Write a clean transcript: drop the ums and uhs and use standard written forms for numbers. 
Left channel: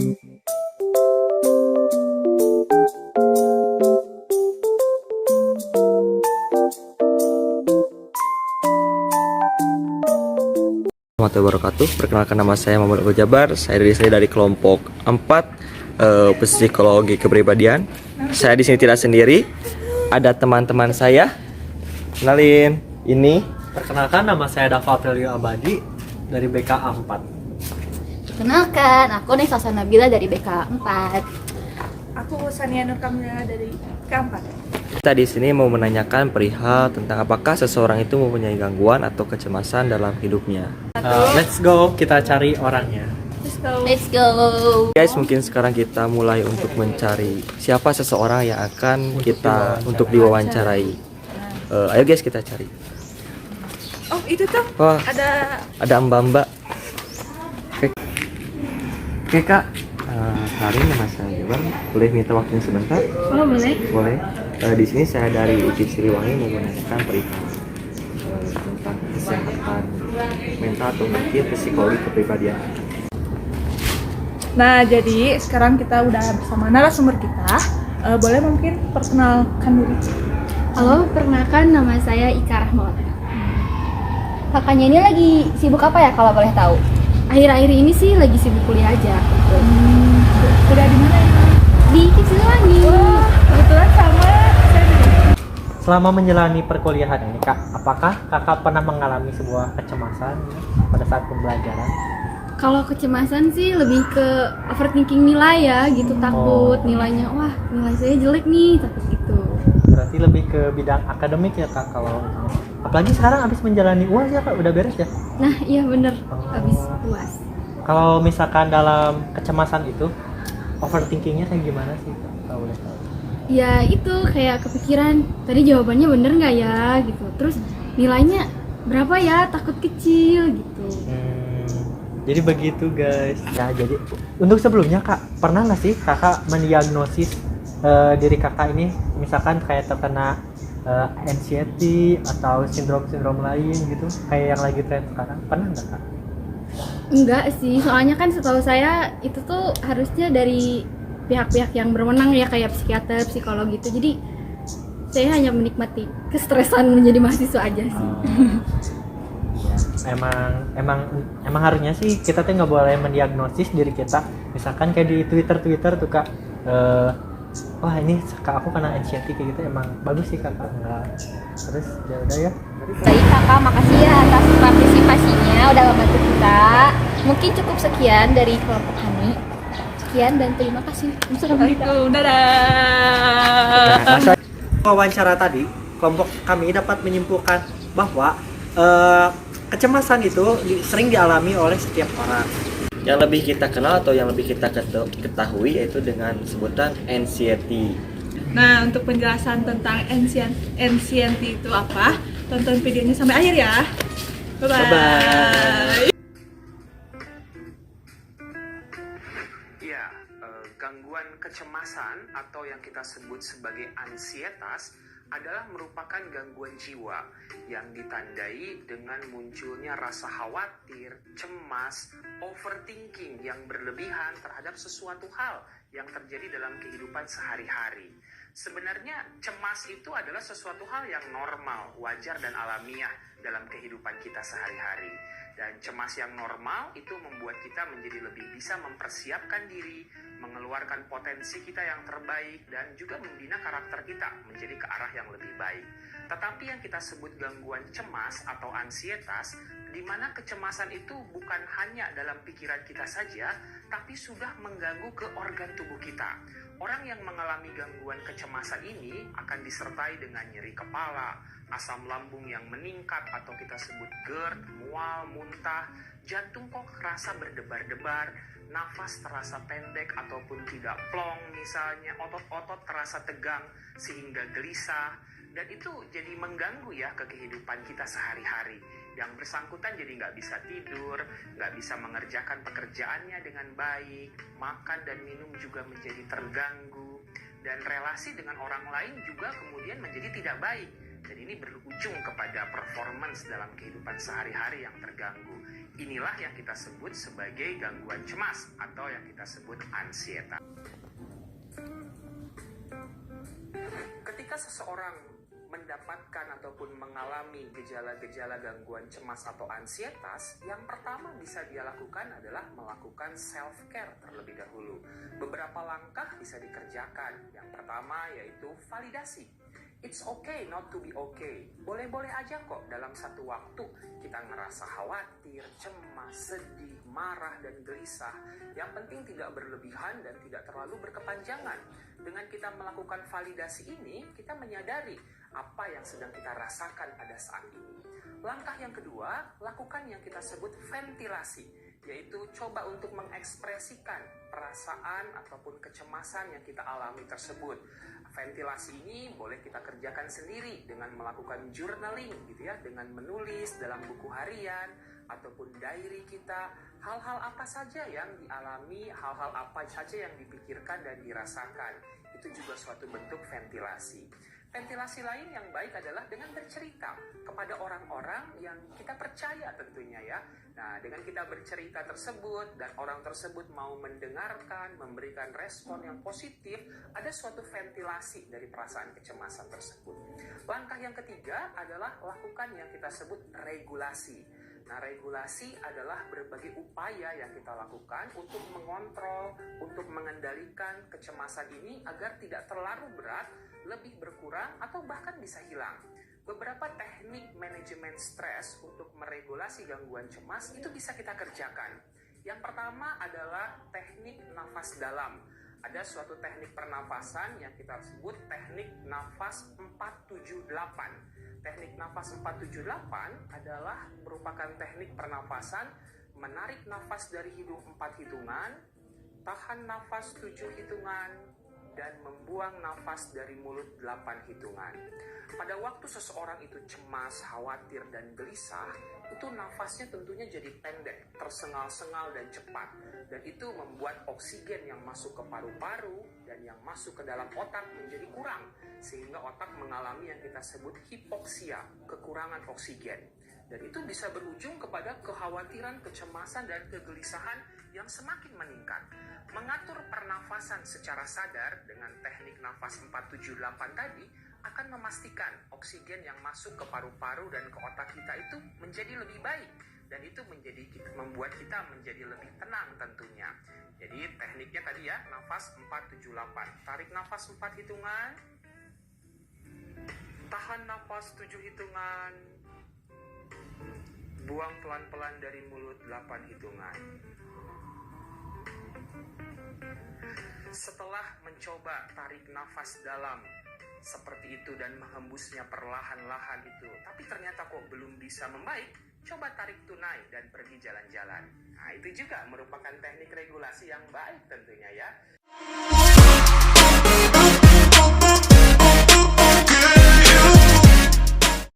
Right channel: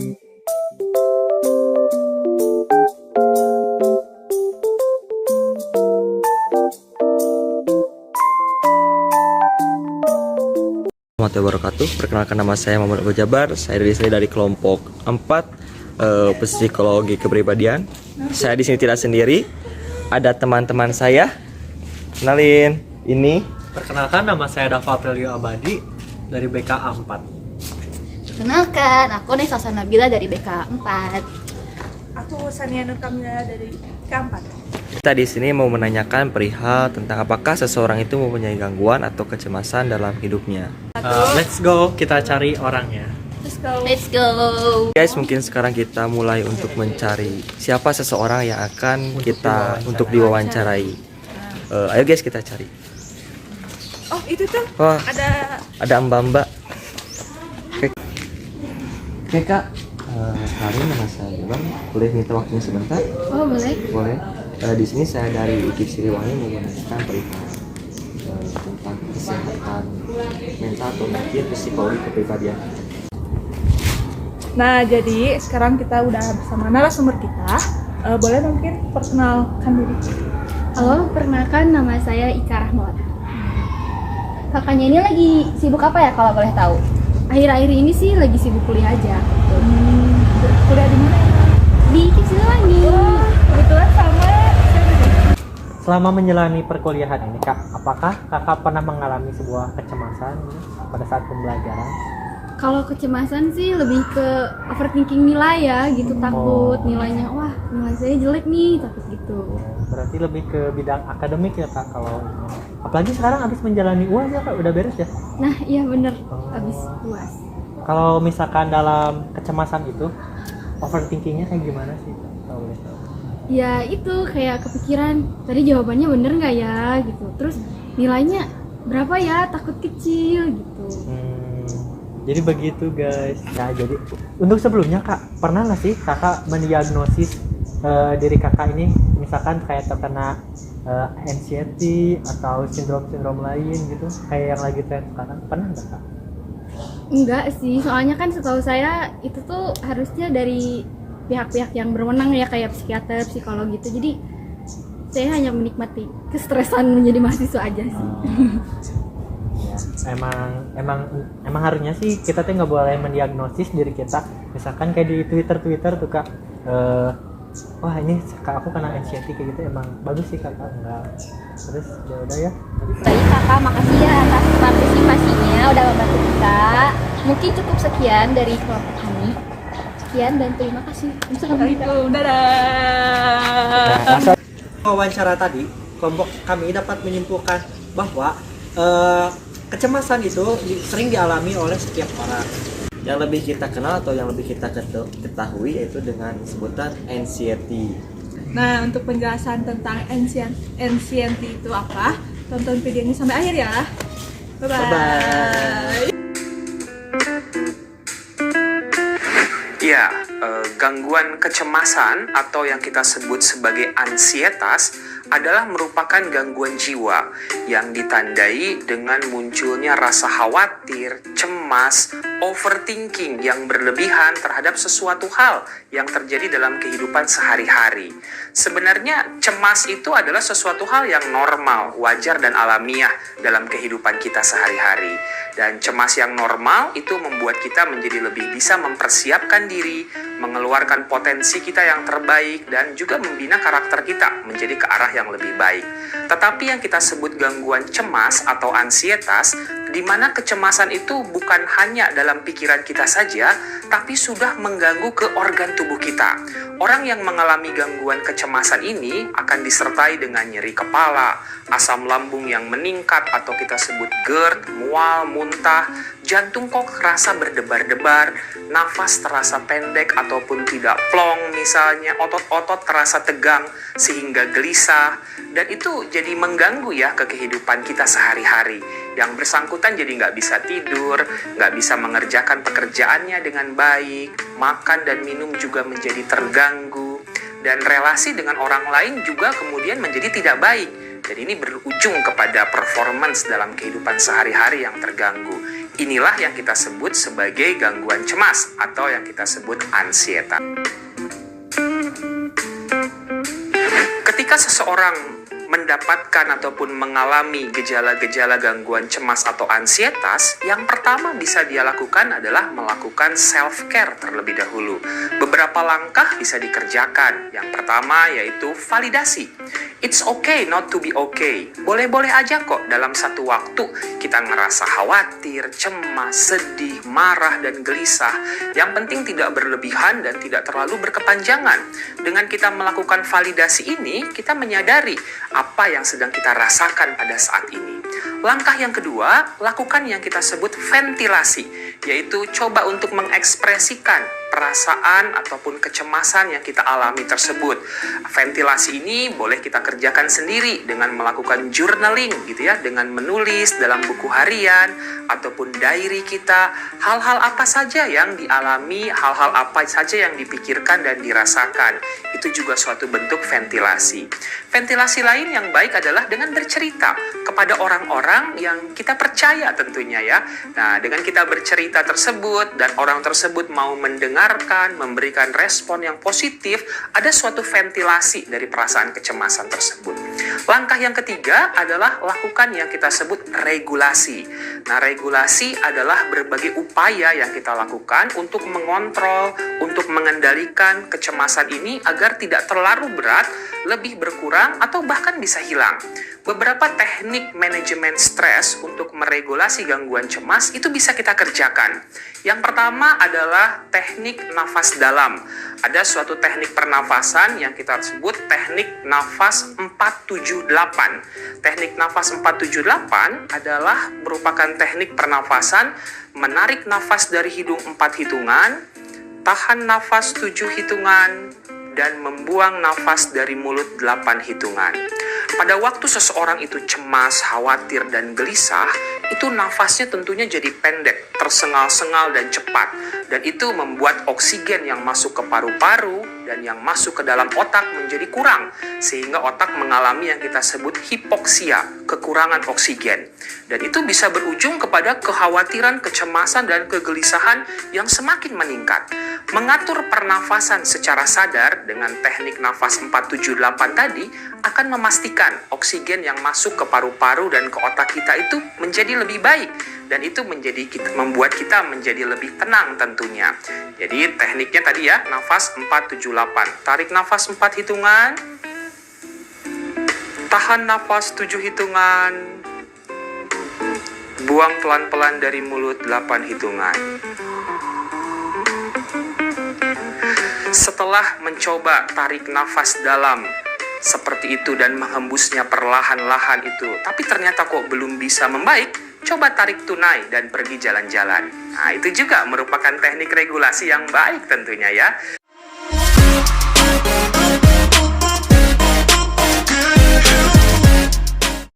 Warahmatullahi wabarakatuh. Perkenalkan, nama saya Muhammad Abdul Jabar. Saya di sini dari kelompok 4 psikologi kepribadian. Saya di sini tidak sendiri. Ada teman-teman saya. Kenalin, ini. Perkenalkan, nama saya Dava Aprilio Abadi dari BKA 4. Kenalkan, aku Nesa Nabila dari BK 4. Aku Sania Nur Kamila dari K4. Kita di sini mau menanyakan perihal tentang apakah seseorang itu mempunyai gangguan atau kecemasan dalam hidupnya. Let's go, kita cari orangnya. Let's go. Guys, mungkin sekarang kita mulai untuk mencari siapa seseorang yang akan kita untuk diwawancarai. Ayo guys, kita cari. Oh, itu tuh. Wah, ada mbak-mbak. Oke kak, hari nama saya Jabar. Boleh minta waktunya sebentar? Oh, boleh. Boleh. Di sini saya dari UPI Siliwangi mau menanyakan perihal tentang kesehatan mental atau mungkin psikologi kepribadian. Nah, jadi sekarang kita udah bersama narasumber kita. Boleh mungkin perkenalkan diri. Halo, perkenalkan nama saya Ika Rahmawati. Kakaknya ini lagi sibuk apa ya kalau boleh tahu? Akhir-akhir ini sih lagi sibuk kuliah aja. Kuliah di mana emang? Di UPI Siliwangi. Wah, kebetulan sama saya juga. Selama menjalani perkuliahan ini, Kak, apakah Kakak pernah mengalami sebuah kecemasan pada saat pembelajaran? Kalau kecemasan sih lebih ke overthinking nilai ya, gitu. Takut nilainya, wah nilai saya jelek nih, takut gitu. Berarti lebih ke bidang akademik ya, Kak, kalau apalagi sekarang habis menjalani UAS ya, Kak, udah beres ya? Nah iya bener, Oh. habis UAS. Kalau misalkan dalam kecemasan itu, overthinkingnya kayak gimana sih, Kak, kalau boleh tahu? Ya itu kayak kepikiran, tadi jawabannya bener nggak ya gitu. Terus nilainya berapa ya, takut kecil gitu. Jadi begitu guys. Nah, jadi untuk sebelumnya, Kak, pernah nggak sih Kakak mendiagnosis diri Kakak ini misalkan kayak terkena anxiety atau sindrom lain gitu, kayak yang lagi tren sekarang? Pernah nggak, Kak? Enggak sih, soalnya kan setahu saya itu tuh harusnya dari pihak-pihak yang berwenang ya, kayak psikiater, psikolog gitu. Jadi saya hanya menikmati kestresan menjadi mahasiswa aja sih. Ya, emang harusnya sih kita tuh nggak boleh mendiagnosis diri kita. Misalkan kayak di Twitter tuh, Kak, wah ini Kak aku kena anxiety kayak gitu, emang bagus sih Kakak enggak. Terus ya udah ya. Baik kakak, makasih ya atas partisipasinya udah membantu kita. Mungkin cukup sekian dari kelompok kami. Sekian dan terima kasih. Assalamualaikum, dadah. Wawancara tadi, kelompok kami dapat menyimpulkan bahwa kecemasan itu sering dialami oleh setiap orang. Yang lebih kita kenal atau yang lebih kita ketahui yaitu dengan sebutan anxiety. Nah, untuk penjelasan tentang anxiety itu apa, tonton videonya sampai akhir ya. Bye-bye. Ya, gangguan kecemasan atau yang kita sebut sebagai ansietas adalah merupakan gangguan jiwa yang ditandai dengan munculnya rasa khawatir, cemas, overthinking yang berlebihan terhadap sesuatu hal yang terjadi dalam kehidupan sehari-hari. Sebenarnya cemas itu adalah sesuatu hal yang normal, wajar dan alamiah dalam kehidupan kita sehari-hari. Dan cemas yang normal itu membuat kita menjadi lebih bisa mempersiapkan diri, mengeluarkan potensi kita yang terbaik, dan juga membina karakter kita menjadi ke arah yang lebih baik. Tetapi yang kita sebut gangguan cemas atau ansietas, di mana kecemasan itu bukan hanya dalam pikiran kita saja, tapi sudah mengganggu ke organ tubuh kita. Orang yang mengalami gangguan kecemasan ini akan disertai dengan nyeri kepala, asam lambung yang meningkat atau kita sebut GERD, mual, muntah, jantung kok terasa berdebar-debar, nafas terasa pendek ataupun tidak plong misalnya, otot-otot terasa tegang sehingga gelisah, dan itu jadi mengganggu ya ke kehidupan kita sehari-hari. Yang bersangkutan jadi nggak bisa tidur, nggak bisa mengerjakan pekerjaannya dengan baik, makan dan minum juga menjadi terganggu, dan relasi dengan orang lain juga kemudian menjadi tidak baik. Jadi ini berujung kepada performance dalam kehidupan sehari-hari yang terganggu. Inilah yang kita sebut sebagai gangguan cemas atau yang kita sebut ansietas. Ketika seseorang mendapatkan ataupun mengalami gejala-gejala gangguan cemas atau ansietas, yang pertama bisa dia lakukan adalah melakukan self-care terlebih dahulu. Beberapa langkah bisa dikerjakan. Yang pertama yaitu validasi. It's okay not to be okay. Boleh-boleh aja kok dalam satu waktu kita ngerasa khawatir, cemas, sedih, marah, dan gelisah. Yang penting tidak berlebihan dan tidak terlalu berkepanjangan. Dengan kita melakukan validasi ini, kita menyadari apa yang sedang kita rasakan pada saat ini. Langkah yang kedua, lakukan yang kita sebut ventilasi, yaitu coba untuk mengekspresikan perasaan ataupun kecemasan yang kita alami tersebut. Ventilasi ini boleh kita kerjakan sendiri dengan melakukan journaling gitu ya, dengan menulis dalam buku harian ataupun diary kita hal-hal apa saja yang dialami, hal-hal apa saja yang dipikirkan dan dirasakan. Itu juga suatu bentuk ventilasi. Ventilasi lain yang baik adalah dengan bercerita kepada orang-orang yang kita percaya tentunya ya. Nah, dengan kita bercerita tersebut dan orang tersebut mau mendengarkan, memberikan respon yang positif, ada suatu ventilasi dari perasaan kecemasan tersebut. Langkah yang ketiga adalah lakukan yang kita sebut regulasi. Nah, regulasi adalah berbagai upaya yang kita lakukan untuk mengontrol, untuk mengendalikan kecemasan ini agar tidak terlalu berat, lebih berkurang, atau bahkan bisa hilang. Beberapa teknik manajemen stres untuk meregulasi gangguan cemas itu bisa kita kerjakan. Yang pertama adalah teknik nafas dalam. Ada suatu teknik pernafasan yang kita sebut teknik nafas 478. Teknik nafas 478 adalah merupakan teknik pernafasan menarik nafas dari hidung 4 hitungan, tahan nafas 7 hitungan, dan membuang nafas dari mulut 8 hitungan. Pada waktu seseorang itu cemas, khawatir, dan gelisah, itu nafasnya tentunya jadi pendek, tersengal-sengal, dan cepat. Dan itu membuat oksigen yang masuk ke paru-paru dan yang masuk ke dalam otak menjadi kurang, sehingga otak mengalami yang kita sebut hipoksia, kekurangan oksigen. Dan itu bisa berujung kepada kekhawatiran, kecemasan, dan kegelisahan yang semakin meningkat. Mengatur pernafasan secara sadar dengan teknik nafas 478 tadi akan memastikan oksigen yang masuk ke paru-paru dan ke otak kita itu menjadi lebih baik, dan itu membuat kita menjadi lebih tenang tentunya. Jadi tekniknya tadi ya, nafas 478. Tarik nafas 4 hitungan, tahan nafas 7 hitungan, buang pelan-pelan dari mulut 8 hitungan. Setelah mencoba tarik nafas dalam seperti itu dan menghembusnya perlahan-lahan itu, tapi ternyata kok belum bisa membaik, coba tarik tunai dan pergi jalan-jalan. Nah, itu juga merupakan teknik regulasi yang baik tentunya ya.